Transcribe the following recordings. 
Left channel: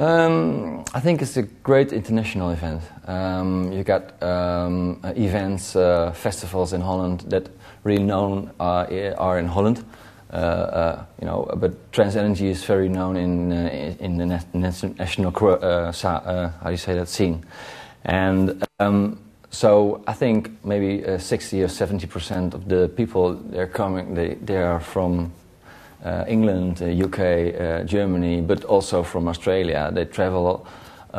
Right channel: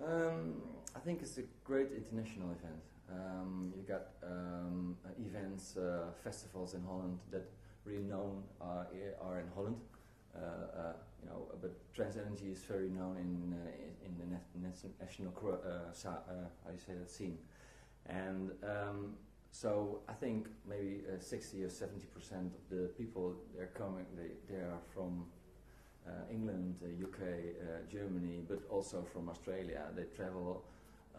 I think it's a great international event. You got events, festivals in Holland that really known are in Holland. You know, but Trance Energy is very known in the national how do you say that, scene, and so I think maybe 60 or 70% of the people they're coming, they are from England, UK, Germany, but also from Australia. They travel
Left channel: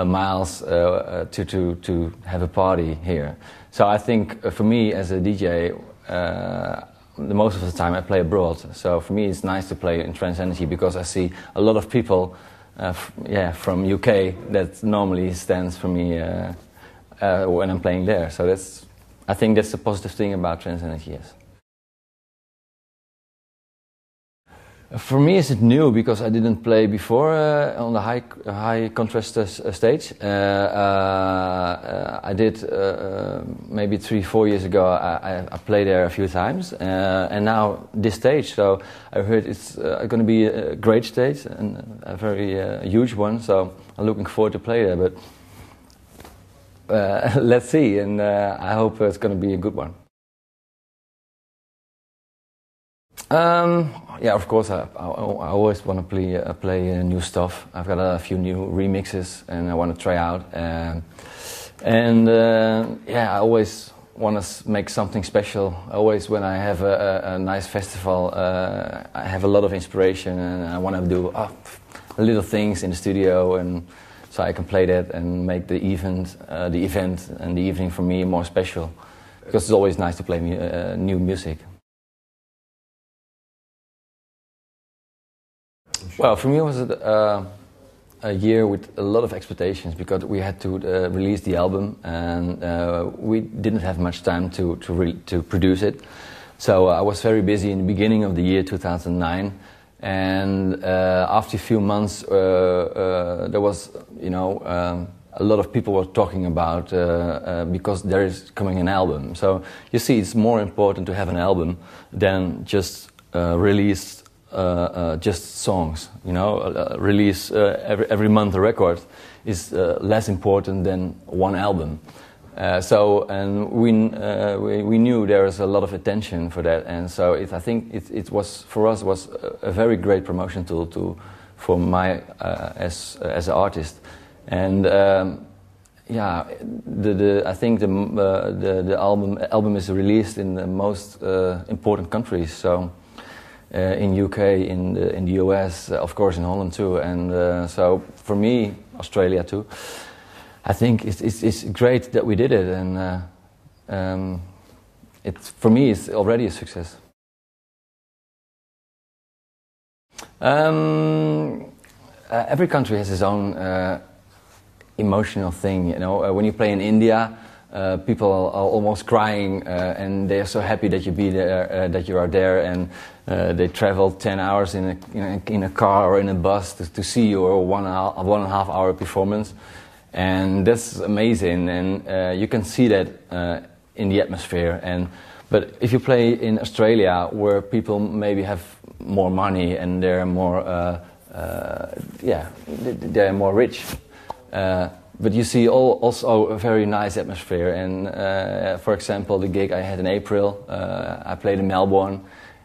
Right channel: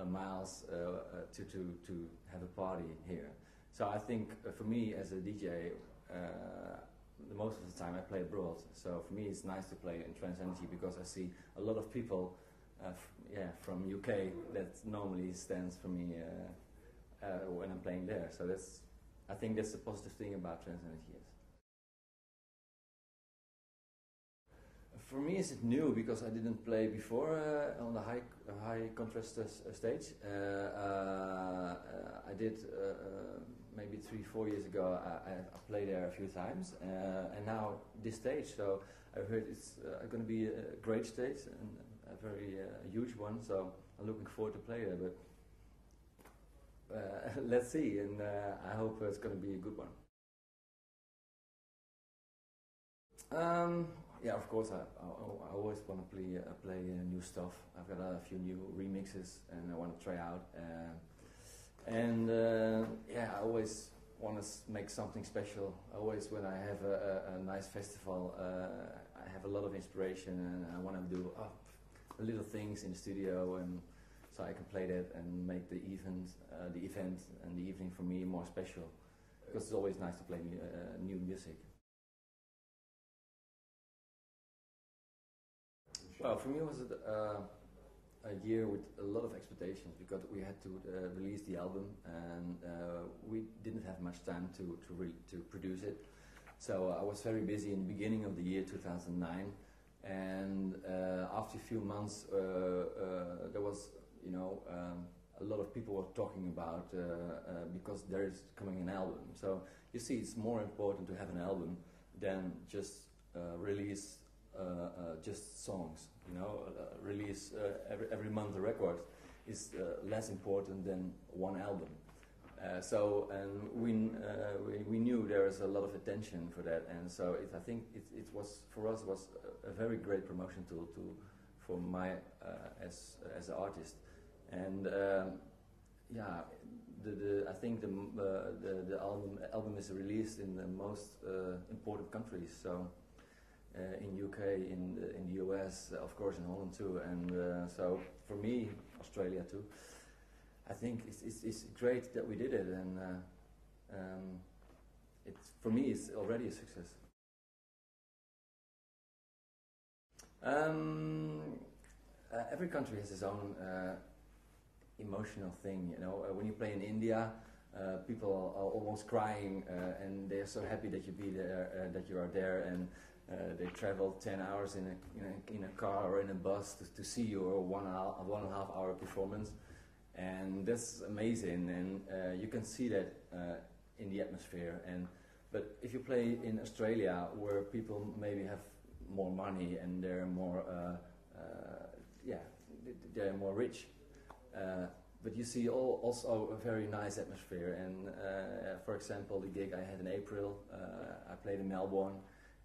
miles to have a party here. So I think for me as a DJ, the most of the time I play abroad. So for me it's nice to play in Trance Energy because I see a lot of people from UK that normally stands for me when I'm playing there. So I think that's the positive thing about Trance Energy, yes. For me, it's new because I didn't play before on the high contrast stage. I did maybe 3-4 years ago. I played there a few times, and now this stage. So I heard it's going to be a great stage and a very huge one. So I'm looking forward to play there. But let's see, and I hope it's going to be a good one. Yeah, of course, I always want to play new stuff. I've got a few new remixes and I want to try out. Yeah, I always want to make something special. Always when I have a nice festival, I have a lot of inspiration and I want to do little things in the studio, and so I can play that and make the event and the evening for me more special. Because it's always nice to play new music. Well, for me it was a year with a lot of expectations because we had to release the album and we didn't have much time to produce it. So I was very busy in the beginning of the year 2009, and after a few months there was, a lot of people were talking about because there is coming an album. So you see, it's more important to have an album than just release just songs. Release every month a record is less important than one album. We knew there was a lot of attention for that, and so I think it was for us was a very great promotion tool for my as an artist. And I think the album is released in the most important countries. So. In UK, in the US, of course in Holland too, and so for me, Australia too. I think it's great that we did it, and for me it's already a success. Every country has its own emotional thing. When you play in India. People are almost crying, and they are so happy that you are there, and they travel 10 hours in a car or in a bus to see your 1.5 hour performance, and that's amazing. And you can see that in the atmosphere. But if you play in Australia, where people maybe have more money and they're more they're more rich. But you see also a very nice atmosphere, and for example, the gig I had in April, I played in Melbourne.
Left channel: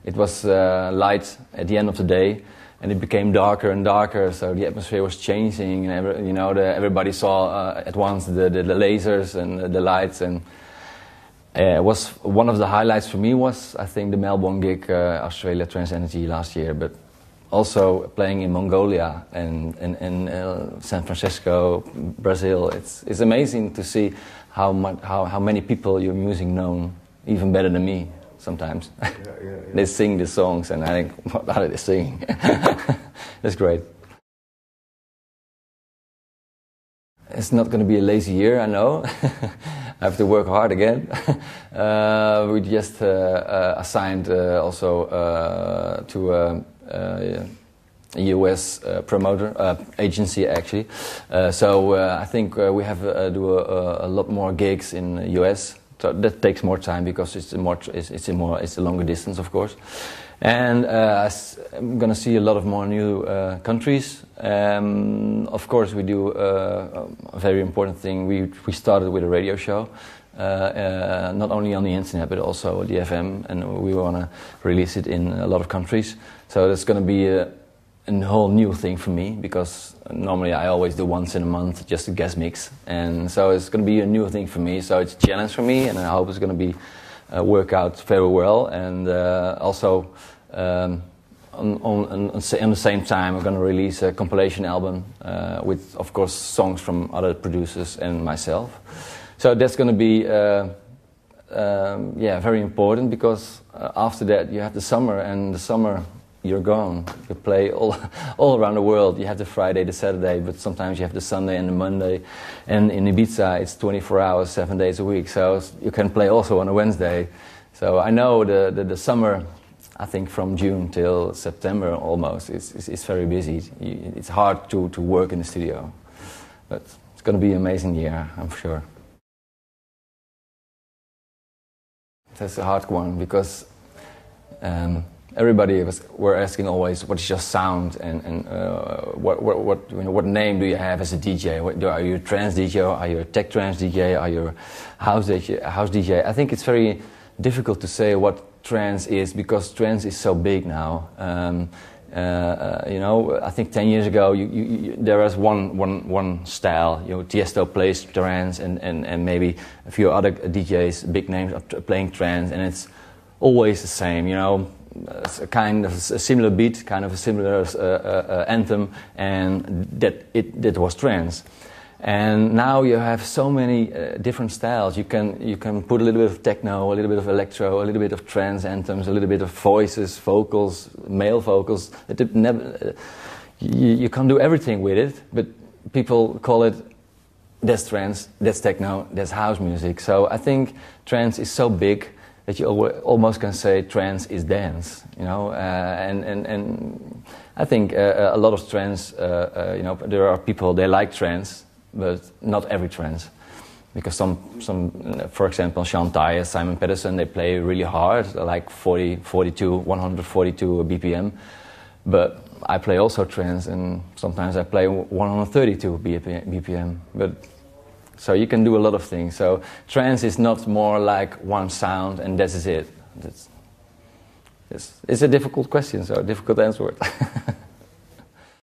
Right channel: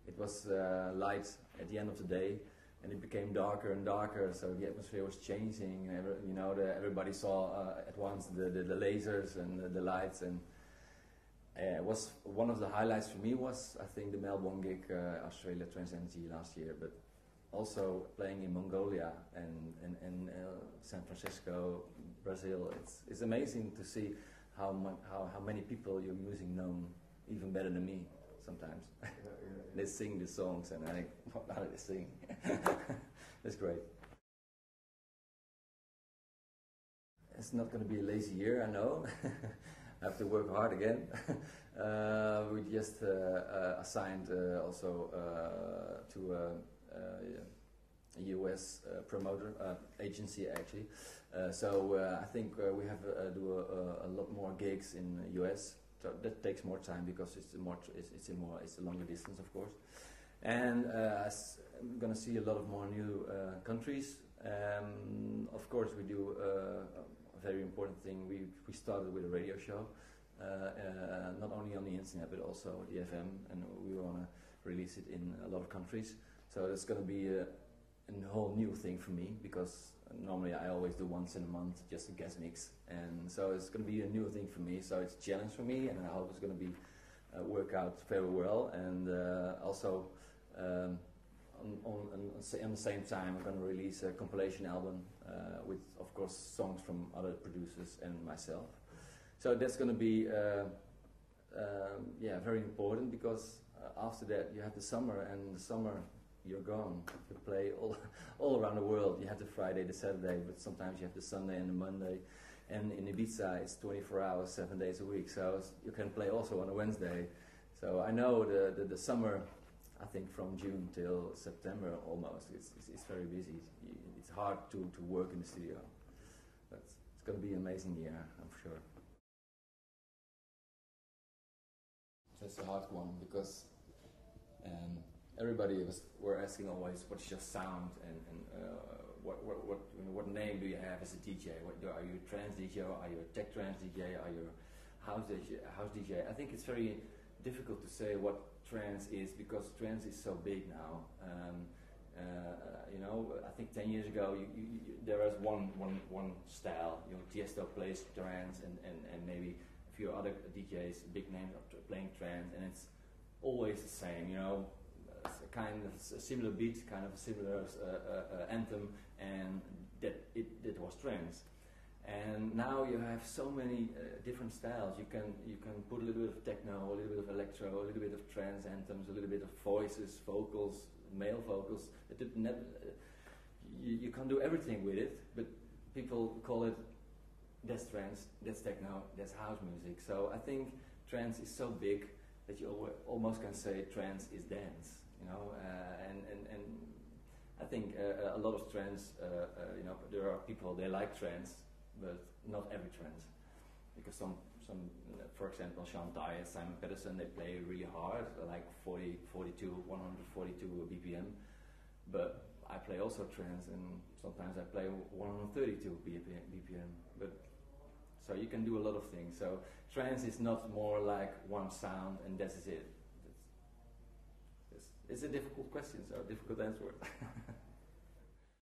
It was light at the end of the day, and it became darker and darker, so the atmosphere was changing, and everybody saw at once the lasers and the lights, and it was one of the highlights for me was, I think, the Melbourne gig, Australia Trance Energy last year, but also playing in Mongolia and San Francisco, Brazil. It's amazing to see how many people your music know even better than me sometimes. Yeah. They sing the songs and I think, what are they singing? That's great. It's not going to be a lazy year, I know. I have to work hard again. We just assigned also to a US promoter agency, actually. I think we have do a lot more gigs in the US. So that takes more time because it's a longer distance, of course. And I'm going to see a lot of more new countries. Of course, we do a very important thing. We started with a radio show, not only on the internet but also the FM, and we want to release it in a lot of countries. So that's going to be a whole new thing for me, because normally I always do once in a month just a guest mix, and so it's going to be a new thing for me. So it's a challenge for me, and I hope it's going to be work out very well. And also on the same time, I'm going to release a compilation album with, of course, songs from other producers and myself. So that's going to be very important, because after that you have the summer, and the summer you're gone. You play all around the world. You have the Friday, the Saturday, but sometimes you have the Sunday and the Monday. And in Ibiza, it's 24 hours, 7 days a week. So you can play also on a Wednesday. So I know the summer, I think from June till September almost, it's very busy. It's hard to work in the studio. But it's going to be an amazing year, I'm sure. That's a hard one, because everybody were asking always, what's your sound, and what name do you have as a DJ? Are you a trance DJ? Are you a tech trance DJ? Are you a house DJ? I think it's very difficult to say what trance is, because trance is so big now. I think 10 years ago there was one style. Tiesto plays trance, and maybe a few other DJs, big names, are playing trance, and it's always the same. It's a kind of a similar beat, kind of a similar anthem, and that was trance. And now you have so many different styles. You can put a little bit of techno, a little bit of electro, a little bit of trance anthems, a little bit of voices, vocals, male vocals. You can't do everything with it, but people call it, that's trance, that's techno, that's house music. So I think trance is so big that you almost can say trance is dance, and I think a lot of trance, there are people, they like trance, but not every trance, because some, for example, Sean Tyas, Simon Pedersen, they play really hard, like 142 BPM, but I play also trance, and sometimes I play 132 BPM, but so you can do a lot of things. So trance is not more like one sound and that is it. It's a difficult question, so a difficult answer.